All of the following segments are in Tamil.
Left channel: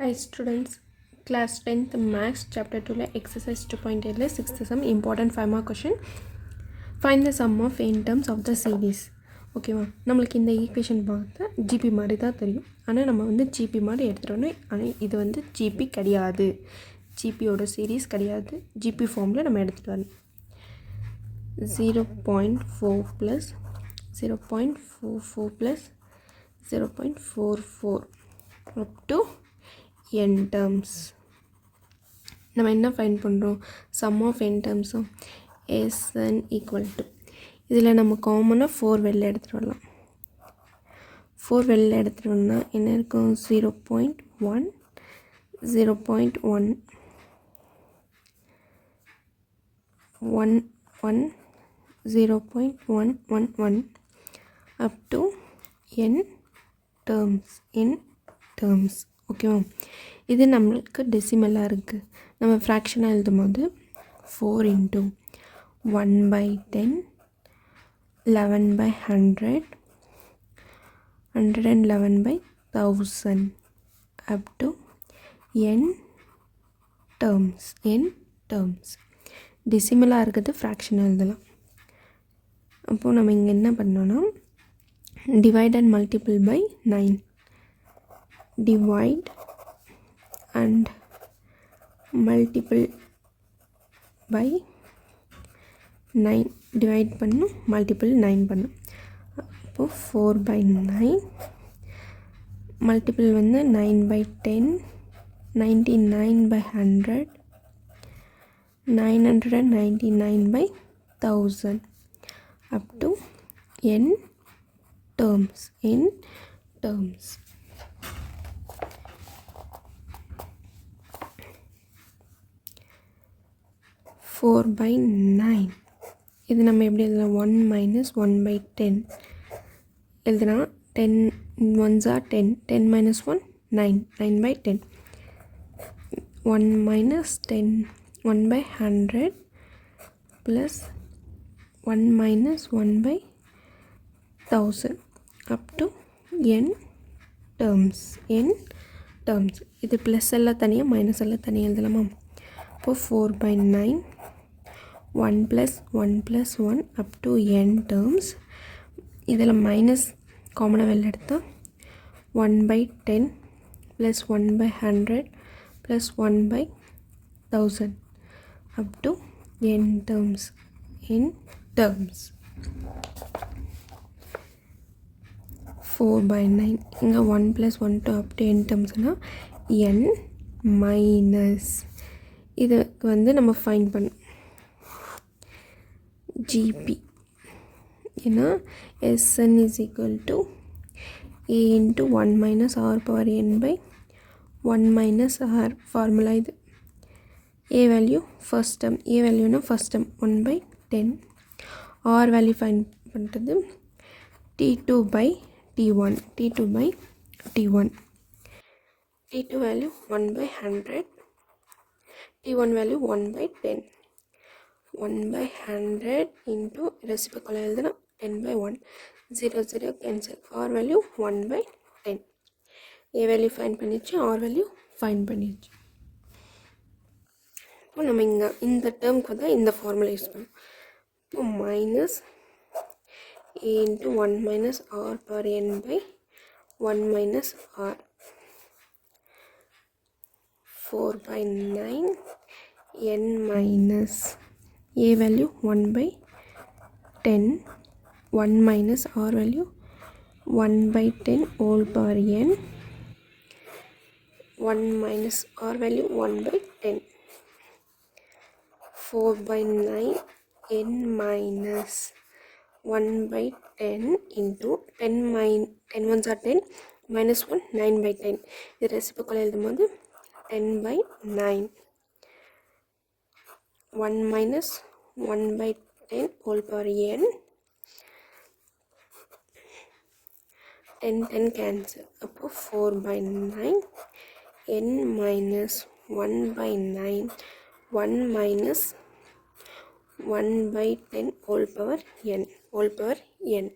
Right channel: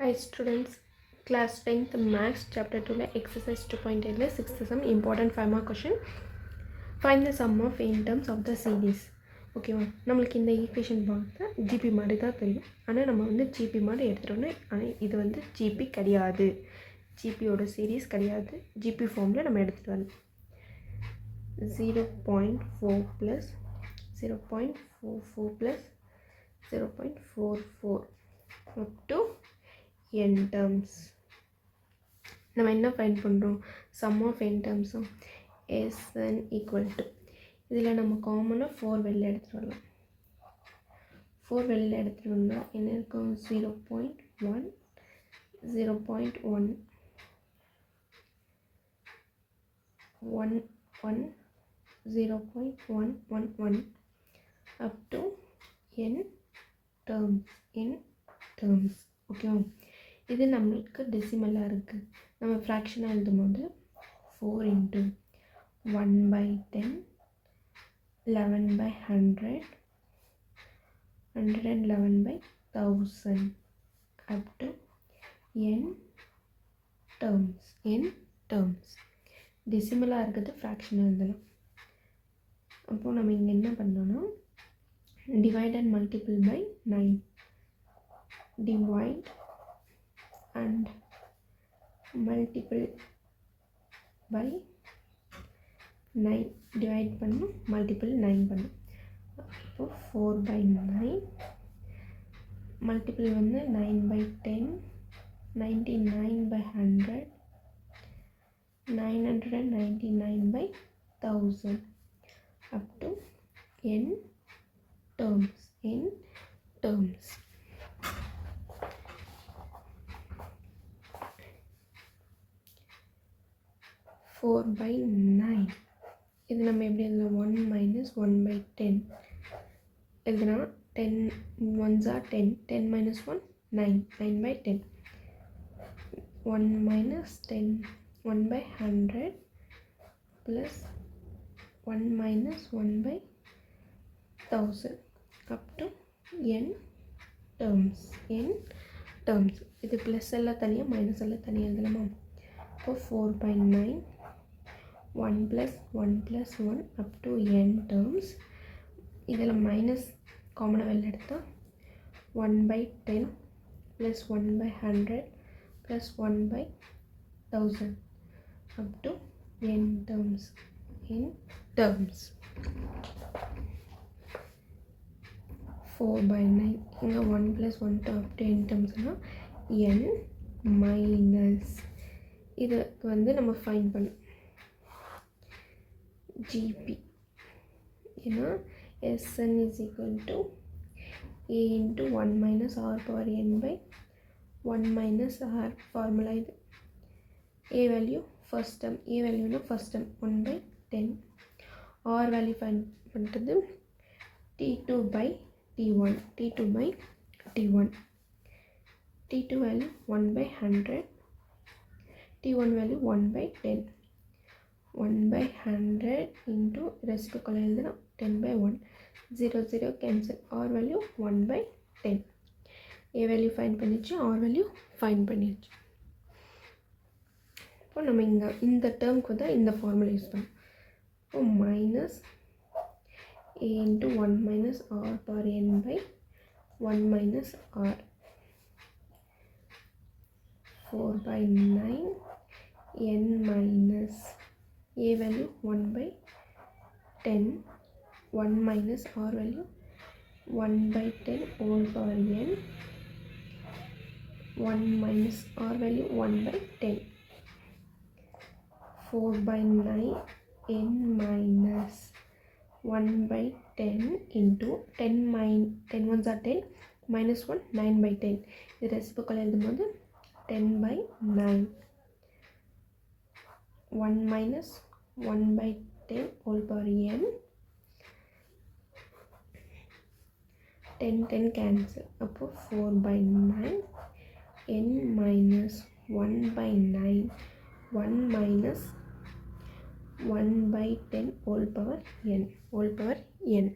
Hi students, class 10th maths chapter 2 exercise 2.8 6th sum important 5 mark question. Find the sum of in terms of the series. ஓகேவா, நம்மளுக்கு இந்த ஈக்குவேஷன் பார்த்தா ஜிபி மாதிரி தான் தெரியும். ஆனால் நம்ம வந்து ஜிபி மாதிரி எடுத்துகிட்டோன்னா, ஆனால் இது வந்து ஜிபி கிடையாது, ஜிபியோட சீரீஸ் கிடையாது. ஜிபி ஃபார்மில் நம்ம எடுத்துகிட்டு வரணும். 0.4 plus 0.44 plus 0.44 up to n terms. நம்ம என்ன ஃபைண்ட் பண்ணுறோம்? சம் ஆஃப் n டேர்ம்ஸும் Sn ஈக்குவல் டு, இதில் நம்ம காமனாக 4 வெளில எடுத்துகிட்டு வரலாம். 4 வெளில எடுத்துகிட்டு வந்தால் என்ன இருக்கும்? 0.1 0.1 1 1 0.111 up to n terms. ஓகேவா, இது நம்மளுக்கு டெசிமலாக இருக்குது. நம்ம ஃப்ராக்ஷனாக எழுதும் போது 4 into 1/10 11/100 111/1000 up to n terms. டெசிமலாக இருக்குது, ஃப்ராக்ஷனாக எழுதலாம். அப்போது நம்ம இங்கே என்ன பண்ணோன்னா, divide and multiple by 9. Divide and multiple by 9. Divide பண்ணும், multiple 9 பண்ணும். அப்போது 4/9 multiple வந்து 9/10 99/100 999/1000 up to n terms. Four by 9 இது நம்ம எப்படி எழுதலாம்? 1 minus 1/10 எழுதுனா 10 ones are 10 10 minus 1 9 9/10 1 minus 10 1/100 plus 1 minus 1/1000 up to n terms. இது ப்ளஸ் எல்லாம் தனியாக மைனஸ் எல்லாம் தனியாக எழுதலாமா? அப்போது 4/9 1 plus 1 plus 1 up to n terms. இதில் மைனஸ் காமனாக வெளில எடுத்தால் 1/10 plus 1/100 plus 1/1000 up to n terms. 4/9 இங்கே 1 plus 1 to up to n termsனால் n minus இதுக்கு வந்து நம்ம ஃபைண்ட் பண்ணோம் ஜிபி. ஏன்னா Sn is equal to a into 1 minus r power n by 1 minus r. Formula இது. a value first term, a வேல்யூனா first term 1/10. r value find பண்ணுறது t2/t1 t2 value 1/100 t1 value 1/10 1/100 into reciprocal எழுதுனா 10/1 0 0 cancel. r value 1/10. a value find பண்ணிச்சு, r வேல்யூ ஃபைண்ட் பண்ணிச்சு. இப்போ நம்ம இங்கே இந்த டேர்முக்கு தான் இந்த ஃபார்முலா யூஸ் பண்ணோம். இப்போ minus a into 1 minus r power n by 1 minus r 4/9 n minus a value 1/10 1 minus r value 1/10 whole power n 1 minus r value 1/10 4/9 n minus 1/10 into 10 ones are 10 minus 1 9/10. இது ரெசிப்ரோக்கல் எழுதும்போது 10/9 1 minus 1/10 whole power n 10 cancel. அப்போது 4/9 n minus 1/9 1 minus 1/10 whole power n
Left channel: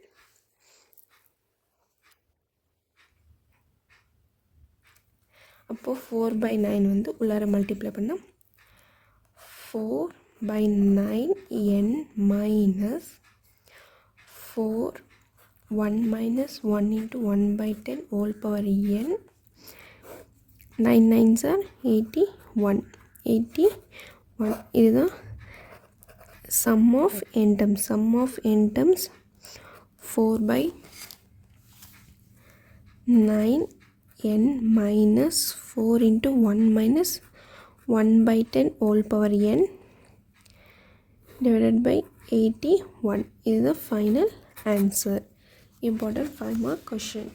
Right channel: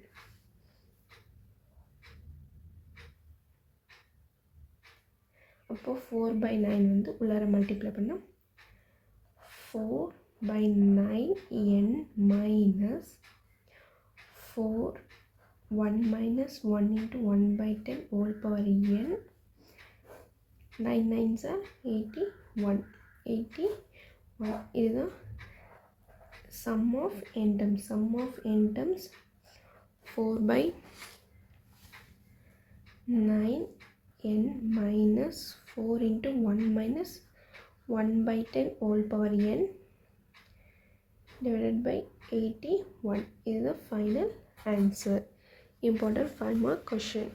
அப்போது 4/9 வந்து உள்ளார மல்டிப்ளை பண்ணால் 4/9 n minus 4 1 minus 1 into 1/10 whole power n 9 9s are 81 இதுதான் sum of n terms 4/9 n minus 4 into 1 minus 1/10 whole power n divided by 81 is the final answer. Important 5 mark question.